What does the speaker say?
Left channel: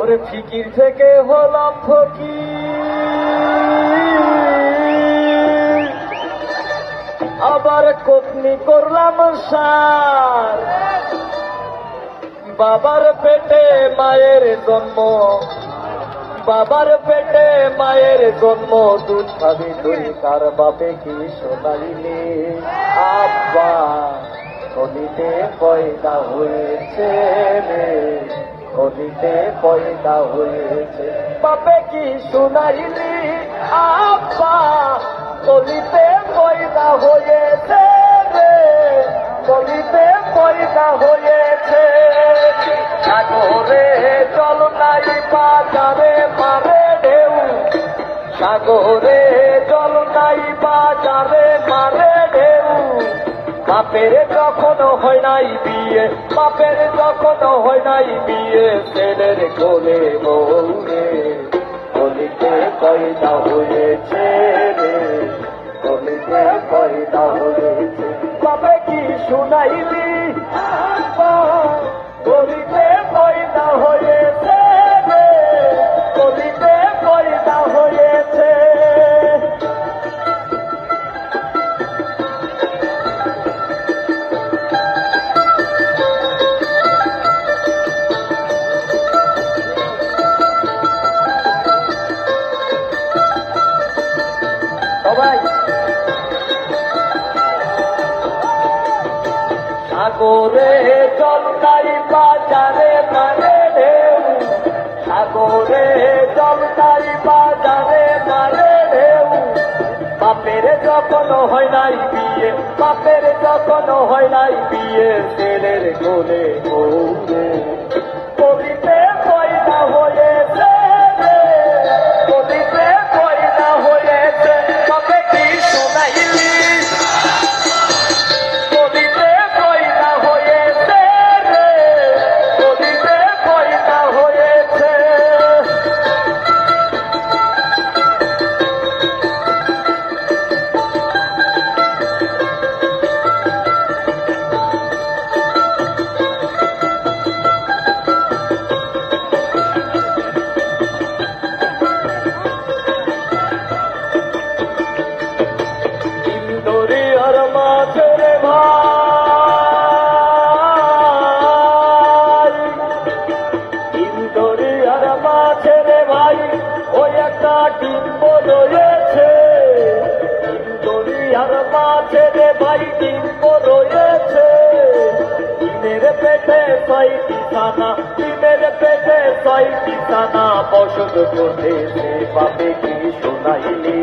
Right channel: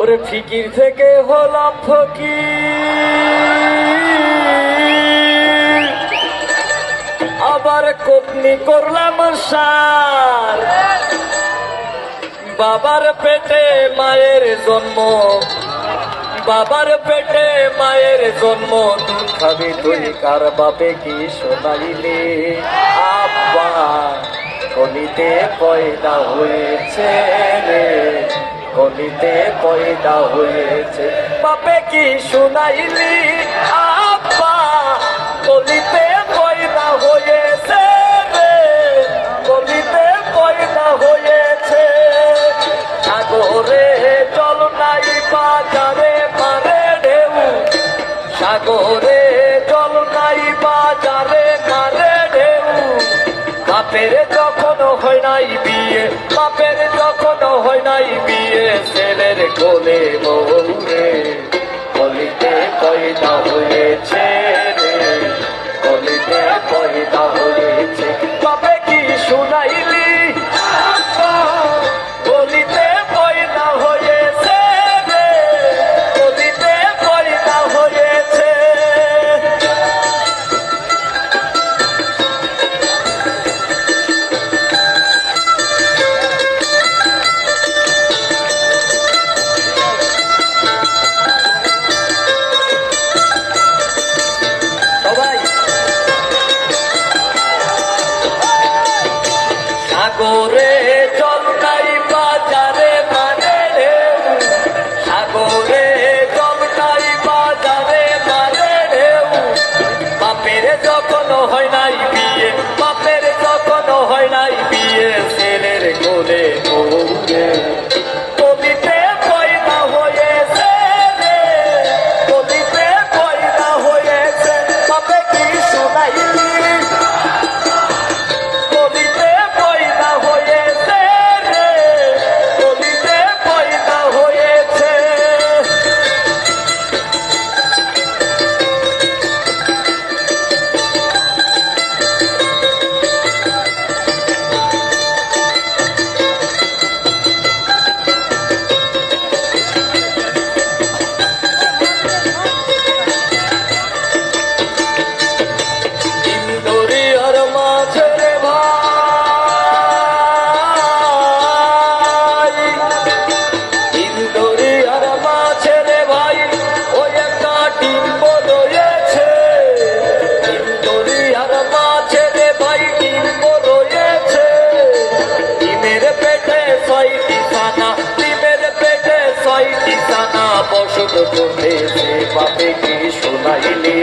ওরে ফিকির থেকে হলাম ফকির, আবার কোপনি করলাম সার। বাবার পেটে মায়ের জন্ম, বাবার পেটে মায়ের জন্ম, দুধ খাবি তুই কার বাপে কি শোনাইলে? আব্বা কলিতে পয়দা হয়েছে রে, কলিতে পয়দা হয়েছে, বাপে কি শোনাইলি? আব্বা কলিতে পয়দা হয়েছে রে, কলিতে পয়দা হয়েছে। সাগরে জল নাই বাজারে মারে ঢেউ, সাগরে জল নাই বাজারে মারে ঢেউ। বাপের যখন হয় নাই বিয়ে, বাপের যখন হয় নাই বিয়ে, ছেলের কোলে বউ রে, কলিতে পয়দা হয়েছে রে, কলিতে পয়দা হয়েছে, বাপে কি শুনাইলি? কলিতে পয়দা হয়েছে রে, কলিতে পয়দা হয়েছে। সবাই সাগরে জল নাই বাজারে মানে ঢেউ, সাগরে জল নাই বাজারে মানে ঢেউ। বাপের যখন হয় নাই বিয়ে, বাপের যখন হয় নাই বিয়ে, ছেলের কোলে বউ রে, কলিতে পয়দা হয়েছে রে, কলিতে পয়দা হয়েছে, বাপে কি শোনাইলি? কলিতে পয়দা হয়েছে রে, কলিতে পয়দা হয়েছে। ইন্দরিয়ার মাঝে রে ভাই, ইন্দরিয়ার মাঝে রে ভাই, ওই একটা ডিম্ব রয়েছে। ইন্দরিয়ার মাঝে রে ভাই ডিম্ব রয়েছে, ডিমের পেটে 6টি ছানা, ডিমের পেটে 6টি ছানা বসত করতেছে, বাপে কি শোনাইলি?